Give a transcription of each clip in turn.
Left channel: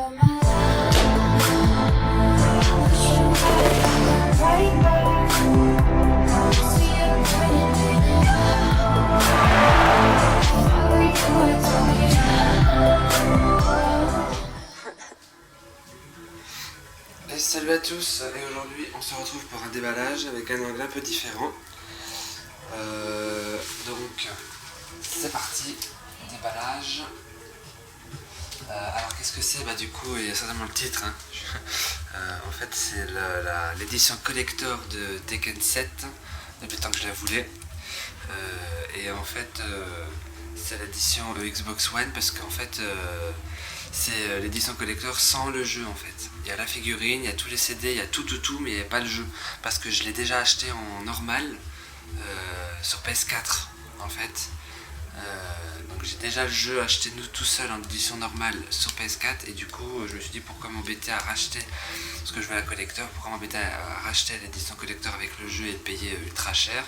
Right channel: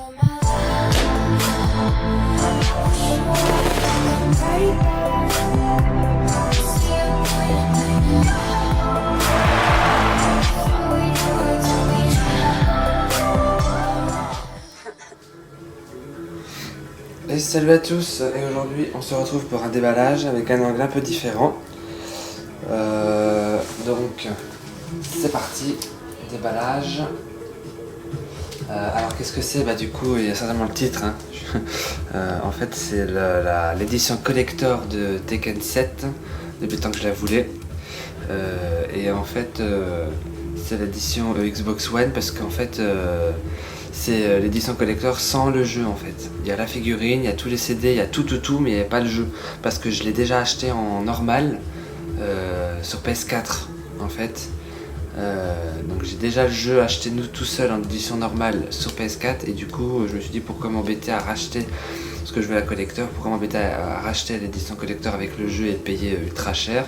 Et salut à tous, et aujourd'hui on se retrouve pour un déballage avec un angle un peu différent. Donc c'est parti, déballage. Alors qu'est-ce que c'est? Bah du coup il y a certainement le titre, hein. En fait c'est l'édition collector de Tekken 7 depuis le temps que je la voulais. Et en fait c'est l'édition Xbox One parce qu'en fait c'est l'édition collector sans le jeu en fait. Il y a la figurine, il y a tous les CD, il y a tout mais il n'y a pas le jeu. Parce que je l'ai déjà acheté en normal sur PS4 en fait. Donc j'ai déjà le jeu acheté tout seul en édition normale sur PS4 et du coup je me suis dit pourquoi m'embêter à racheter ce que je veux la collector, pourquoi m'embêter à racheter l'édition collector avec le jeu et le payer ultra cher,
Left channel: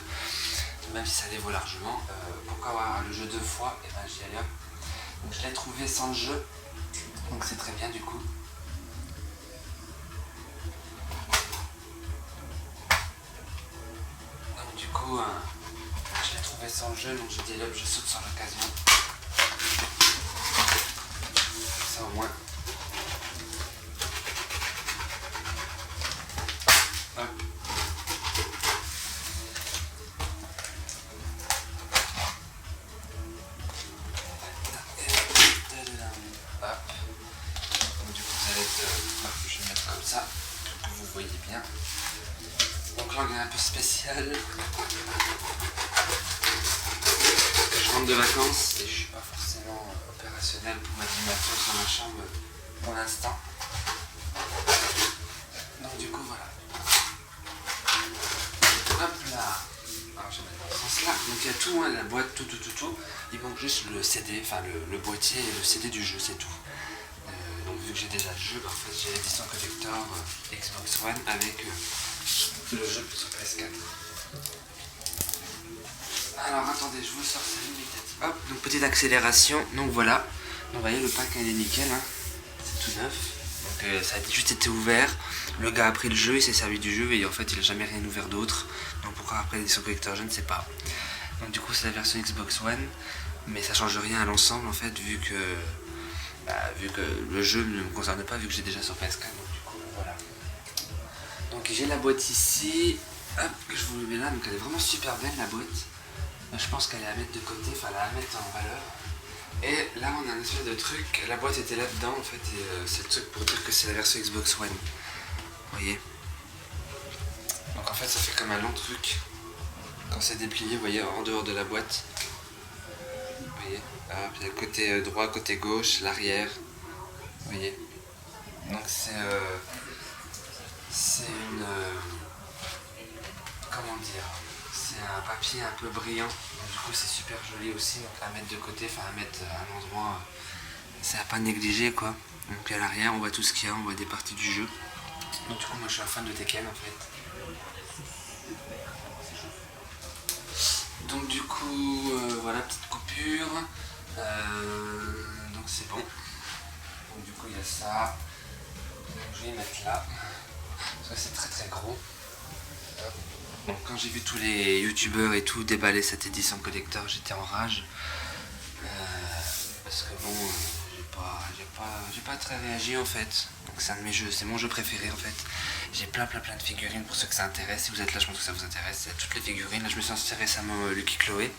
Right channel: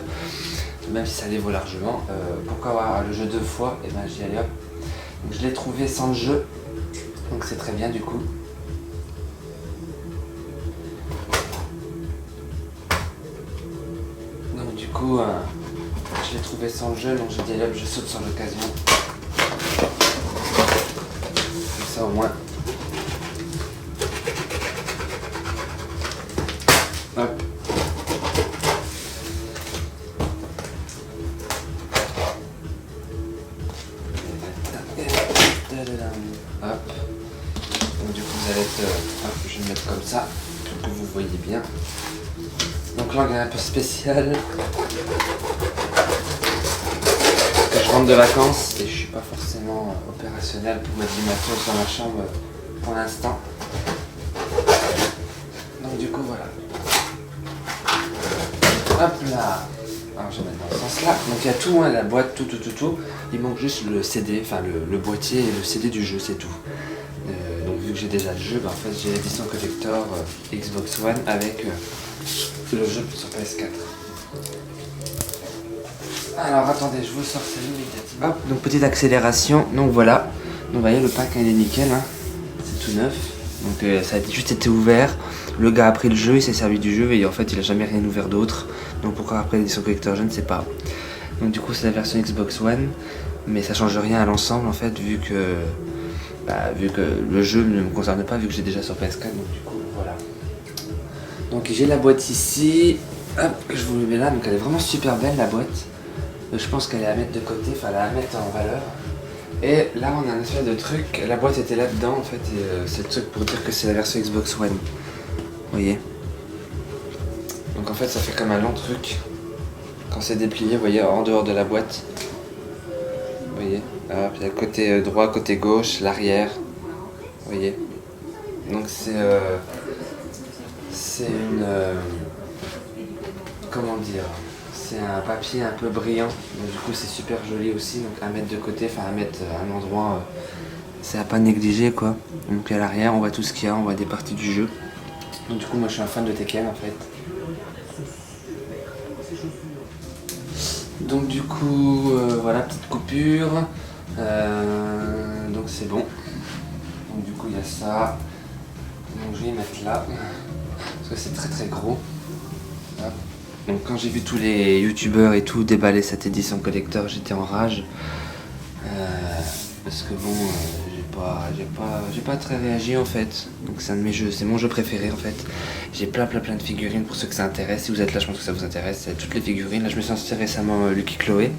même si ça les vaut largement. Pourquoi avoir le jeu deux fois? Et ben j'y allais hop. Donc je l'ai trouvé sans le jeu. Donc c'est très bien du coup. Donc du coup, je l'ai trouvé sans le jeu, donc j'ai dit allez hop, je saute sur l'occasion. Comme ça au moins. Hop. Hop. Donc du coup vous allez être, hop, je vais le mettre comme ça, pour que vous voyez bien. Donc l'angle est un peu spécial. Parce que je rentre de vacances et je suis pas forcément opérationnel pour mettre du matos dans ma chambre pour l'instant. Donc du coup voilà. Hop là. Alors je vais mettre dans ce sens là. Donc il y a tout, hein, la boîte, tout. Il manque juste le CD, enfin le boîtier et le CD du jeu, c'est tout. Donc vu que j'ai déjà le jeu, en fait j'ai l'édition collector Xbox One avec le jeu sur PS4. Alors attendez, je vous sors ça immédiatement. Hop, donc petite accélération, donc voilà. Donc vous voyez le pack il est nickel, hein. C'est tout neuf. Donc ça a juste été ouvert. Le gars a pris le jeu, il s'est servi du jeu et en fait il a jamais rien ouvert d'autre. Donc pourquoi après l'édition collector, je ne sais pas. Donc du coup c'est la version Xbox One, mais ça change rien à l'ensemble en fait vu que le jeu ne me concerne pas vu que j'ai déjà sur PS4. Donc du coup voilà. Donc j'ai la boîte ici. Hop, je vous le mets là. Donc elle est vraiment super belle la boîte. Je pense qu'elle est à mettre de côté, enfin elle est à mettre en valeur. Et là on a un espèce de truc, la boîte était là-dedans en fait et c'est le truc pour dire que c'est la version Xbox One. Vous voyez. Donc en fait ça fait comme un long truc. Quand c'est déplié, vous voyez, en dehors de la boîte. Vous voyez. Hop, il y a le côté droit, côté gauche, l'arrière. Vous voyez. Donc c'est une... comment dire, c'est un papier un peu brillant, donc du coup c'est super joli aussi, donc à mettre de côté, enfin à mettre à un endroit, c'est à pas négliger quoi. Donc à l'arrière on voit tout ce qu'il y a, on voit des parties du jeu. Donc du coup moi je suis un fan de Tekken en fait. Donc du coup voilà, petite coupure, donc c'est bon. Donc du coup il y a ça, donc je vais mettre là, parce que c'est très gros. Hop. Donc quand j'ai vu tous les youtubeurs et tout déballer cette édition collector, j'étais en rage. Parce que bon, j'ai pas très réagi en fait. Donc c'est un de mes jeux, c'est mon jeu préféré en fait. J'ai plein de figurines pour ceux que ça intéresse. Si vous êtes là, je pense que ça vous intéresse. C'est toutes les figurines. Là je me suis inscrit récemment Lucky Chloé.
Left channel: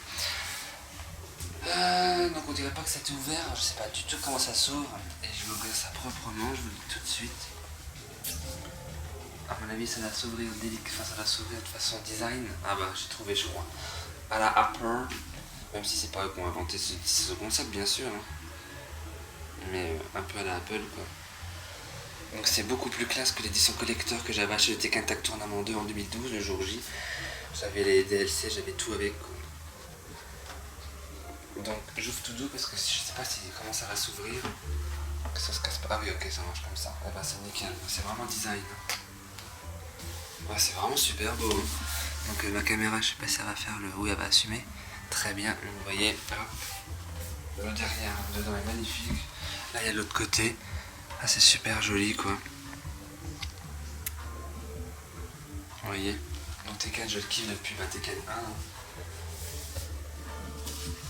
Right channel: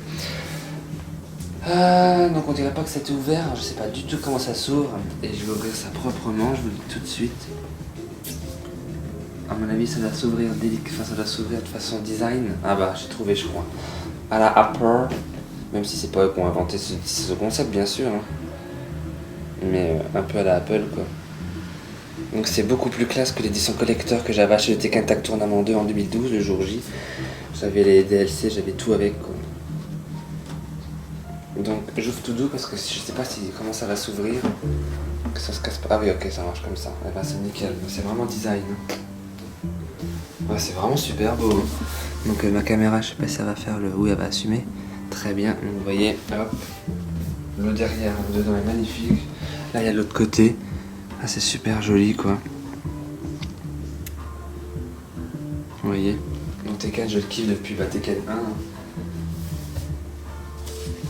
Donc on dirait pas que c'était ouvert, je sais pas du tout comment ça s'ouvre. Et je vais ouvrir ça proprement, je vous le dis tout de suite. À mon avis, ça doit s'ouvrir ça doit s'ouvrir de façon design. Ah bah, j'ai trouvé, je crois. À la Apple, même si c'est pas eux qui ont inventé ce concept, bien sûr. Hein. Mais un peu à la Apple, quoi. Donc c'est beaucoup plus classe que l'édition collector que j'avais acheté de Tekken Tag Tournament 2 en 2012, le jour J. J'avais les DLC, j'avais tout avec, quoi. Donc j'ouvre tout doux parce que je sais pas comment ça va s'ouvrir. Que ça se casse pas. Ah oui, ok, ça marche comme ça. Eh ben, c'est nickel. C'est vraiment design. Ouais, c'est vraiment super beau. Donc ma caméra, je sais pas si ça va faire le... Oui, elle va assumer. Très bien. Donc vous voyez, hop. Le derrière, le dedans est magnifique. Là, il y a l'autre côté. Ah, c'est super joli quoi. Vous voyez. Donc Tekken, je le kiffe depuis Tekken 1.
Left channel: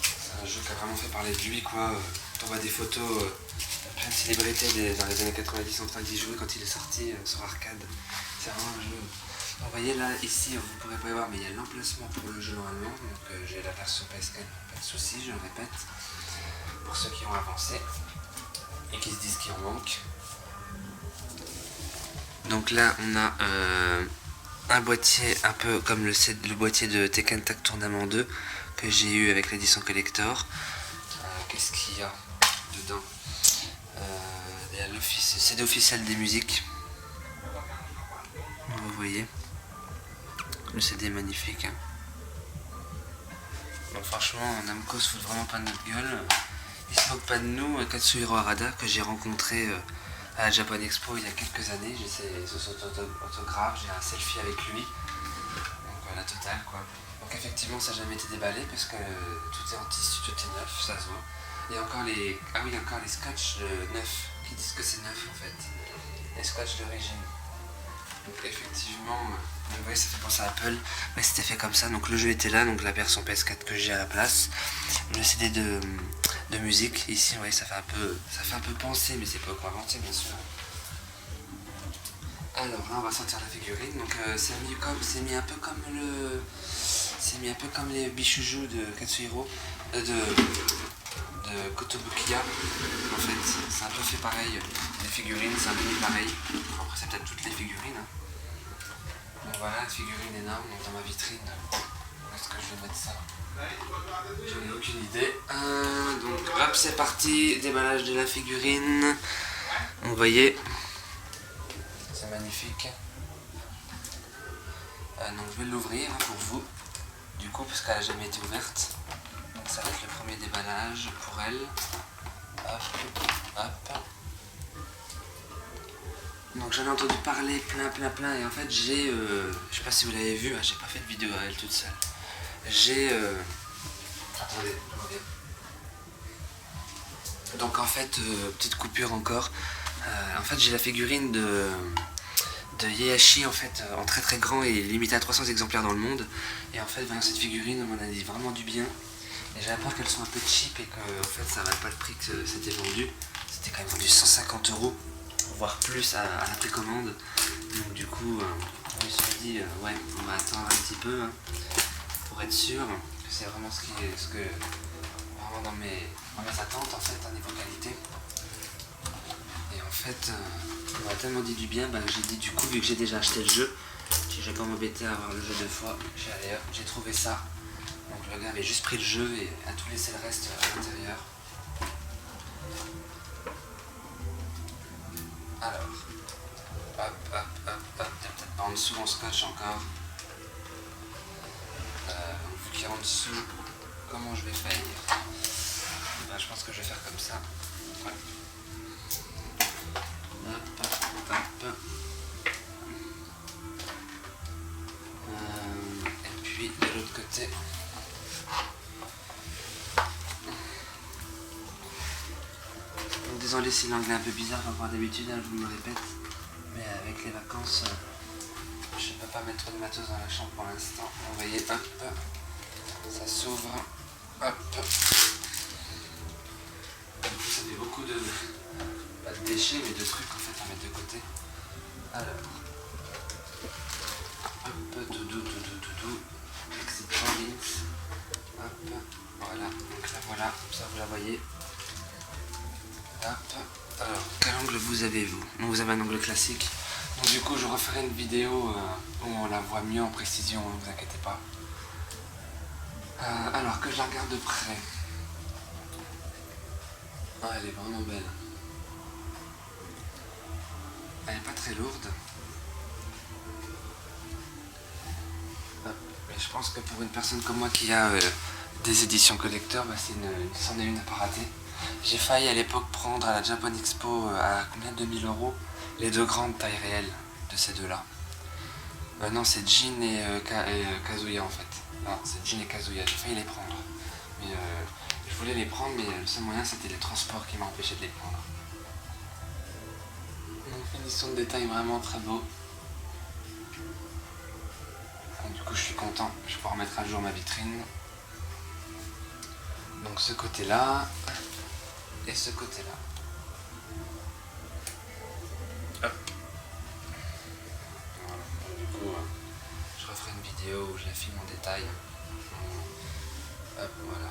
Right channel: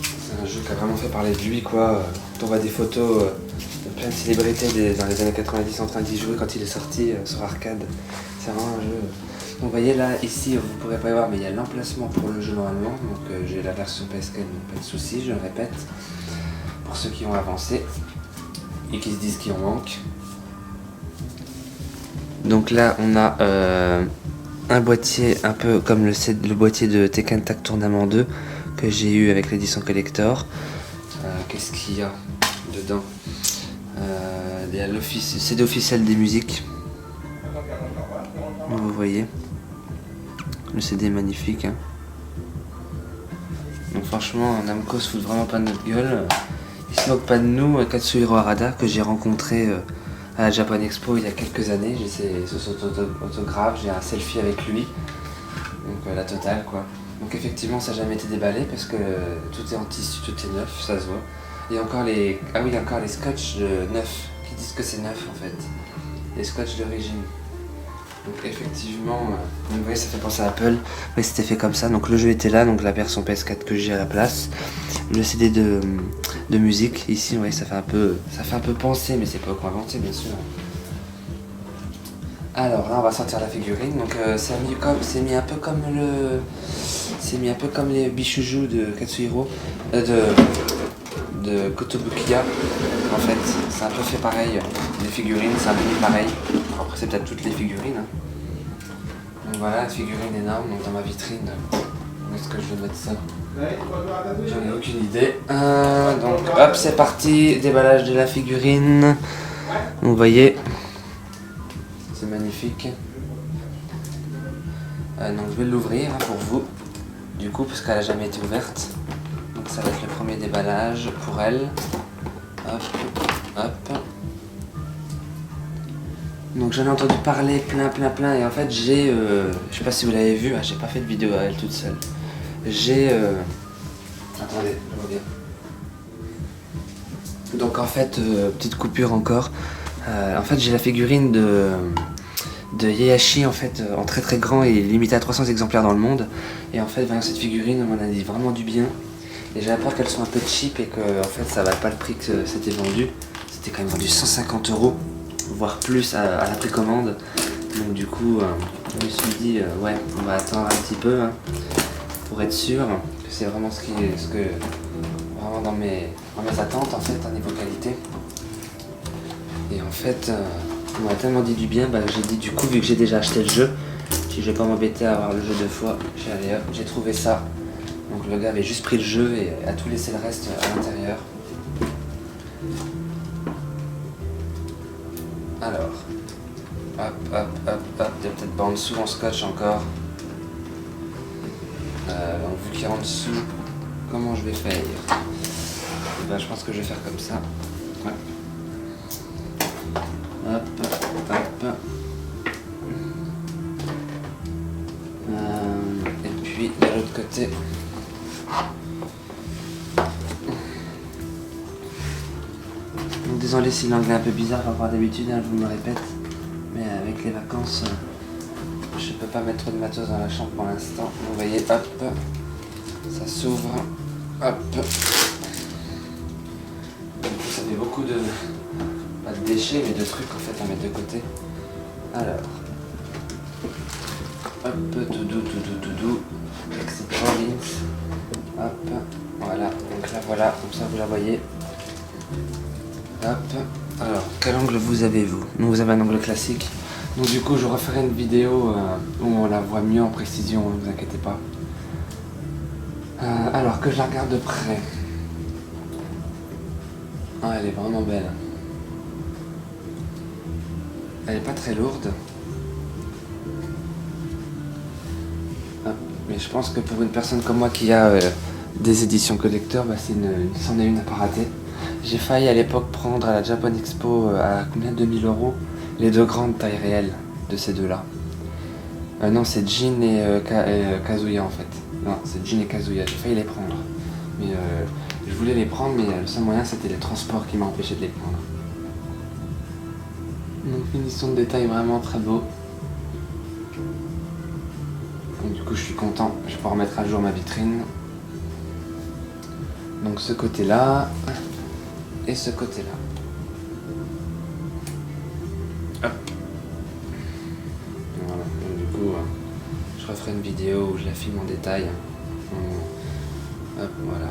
C'est un jeu qui a vraiment fait parler de lui quoi. On voit des photos de plein de célébrités dans les années 90 en train d'y jouer quand il est sorti sur arcade. C'est vraiment un jeu. Donc vous voyez là, ici vous pourrez pas y voir mais il y a l'emplacement pour le jeu normalement. Donc j'ai la version PS4, donc pas de soucis, je le répète. Pour ceux qui ont avancé et qui se disent qu'il en manque. Donc là on a un boîtier un peu comme le boîtier de Tekken Tag Tournament 2 que j'ai eu avec l'édition collector. Qu'est-ce qu'il y a dedans? Il y a le CD officiel des musiques. Vous voyez, le CD est magnifique. Hein. Donc franchement, Namco se fout vraiment pas de notre gueule. Il se moque pas de nous. Katsuhiro Harada que j'ai rencontré à la Japan Expo il y a quelques années. J'ai son autographe, j'ai un selfie avec lui. Donc la totale quoi. Donc effectivement ça n'a jamais été déballé parce que tout est en tissu, tout est neuf, ça se voit. Il y a encore les. Ah oui, il y a encore les scotch neufs qui disent que c'est neuf en fait. Les scotch d'origine. Donc effectivement, donc, vous voyez ça fait penser à Apple. Oui, c'était fait comme ça. Donc le jeu était là, donc la version PS4 que j'ai à la place. Le CD de musique, ici, ouais, ça fait un peu penser, mais c'est pas encore inventé bien sûr. Alors là on va sortir la figurine, donc c'est mis un peu comme les Bishuju de Katsuhiro, de Kotobukiya en fait, c'est un peu fait pareil, les figurines c'est un peu mis pareil, après c'est peut-être toutes les figurines. Hein. Donc voilà, la figurine énorme, donc dans ma vitrine, où est-ce que je vais mettre ça? J'en ai aucune idée. Donc hop c'est parti, déballage de la figurine, vous voyez. C'est magnifique. Donc je vais l'ouvrir hein, pour vous, du coup, parce qu'elle n'a jamais été ouverte. Donc ça va être le premier déballage pour elle. Hop, hop. Donc j'en ai entendu parler plein, et en fait j'ai, je sais pas si vous l'avez vu, j'ai pas fait de vidéo à elle toute seule. J'ai, attendez, je reviens. Donc en fait, petite coupure encore. En fait j'ai la figurine de Heihachi en fait en très grand et limité à 300 exemplaires dans le monde. Et en fait voyant cette figurine on m'en a dit vraiment du bien. Et j'avais peur qu'elles soient un peu cheap et que en fait ça valait pas le prix que c'était vendu. C'était quand même vendu 150 €, voire plus à la précommande. Donc du coup je me suis dit ouais on va attendre un petit peu hein, pour être sûr que c'est vraiment vraiment dans mes attentes en fait au niveau qualité. Et en fait on m'a tellement dit du bien, j'ai dit du coup vu que j'ai déjà acheté le jeu, si je vais pas m'embêter à avoir le jeu 2 fois, j'ai trouvé ça. Donc le gars avait juste pris le jeu et a tout laissé le reste à l'intérieur. Alors, hop, il y a peut-être pas en dessous en scotch encore. Donc vu qu'il y a en dessous, comment je vais faire? Je pense que je vais faire comme ça. Ouais. Hop. Et puis de l'autre côté. Donc désolé si l'anglais est un peu bizarre par rapport à d'habitude, hein, je vous le répète. Mais avec les vacances, je peux pas mettre trop de matos dans la chambre pour l'instant. Vous voyez, hop, ça s'ouvre. Hop. Du coup ça fait beaucoup de. Pas de déchets mais de trucs en fait à mettre de côté. Alors, hop, tout doux, exit links, hop, voilà, donc là voilà, comme ça vous la voyez. Hop, alors quel angle vous avez-vous? Donc vous avez un angle classique, donc du coup je referai une vidéo où on la voit mieux en précision, ne vous inquiétez pas. Alors que je la regarde de près. Ah, elle est vraiment belle. Elle est pas très lourde. Mais je pense que pour une personne comme moi qui a des éditions collector, c'en est une à pas rater. J'ai failli à l'époque prendre à la Japan Expo à combien? 2000 € les deux grandes tailles réelles de ces deux-là. Non, c'est Jin et Kazuya en fait. Non, c'est Jin et Kazuya, j'ai failli les prendre. Mais je voulais les prendre, mais le seul moyen c'était les transports qui m'a empêché de les prendre. Finition de détail vraiment très beau. Donc, du coup, je suis content. Je vais pouvoir mettre à jour ma vitrine. Donc, ce côté-là et ce côté-là. Hop. Voilà. Donc, du coup, je referai une vidéo où je la filme en détail. Hop, voilà.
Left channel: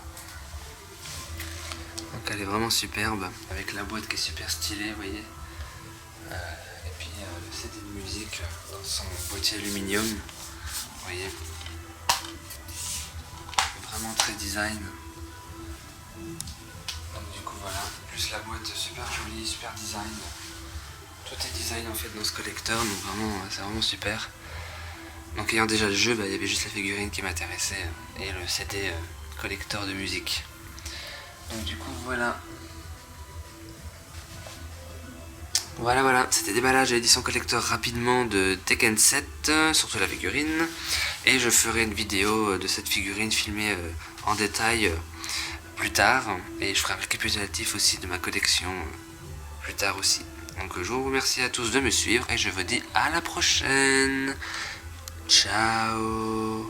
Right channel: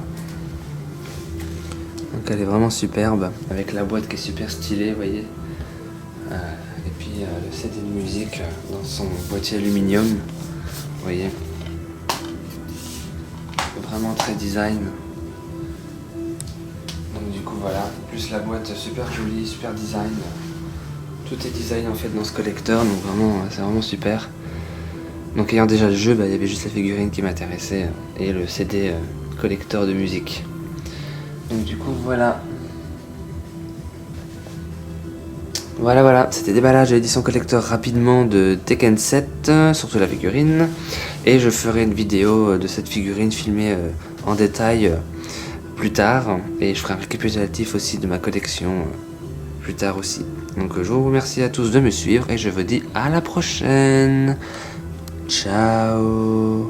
Donc elle est vraiment superbe, avec la boîte qui est super stylée, vous voyez. Et puis le CD de musique dans son boîtier aluminium, vous voyez. Vraiment très design. Donc du coup voilà, plus la boîte super jolie, super design. Tout est design en fait dans ce collecteur, donc vraiment c'est vraiment super. Donc ayant déjà le jeu, il y avait juste la figurine qui m'intéressait et le CD collector de musique. Donc du coup voilà. Voilà, c'était déballage et édition collector rapidement de Tekken 7, surtout la figurine. Et je ferai une vidéo de cette figurine filmée en détail plus tard. Et je ferai un récapitulatif aussi de ma collection plus tard aussi. Donc je vous remercie à tous de me suivre et je vous dis à la prochaine. Ciao.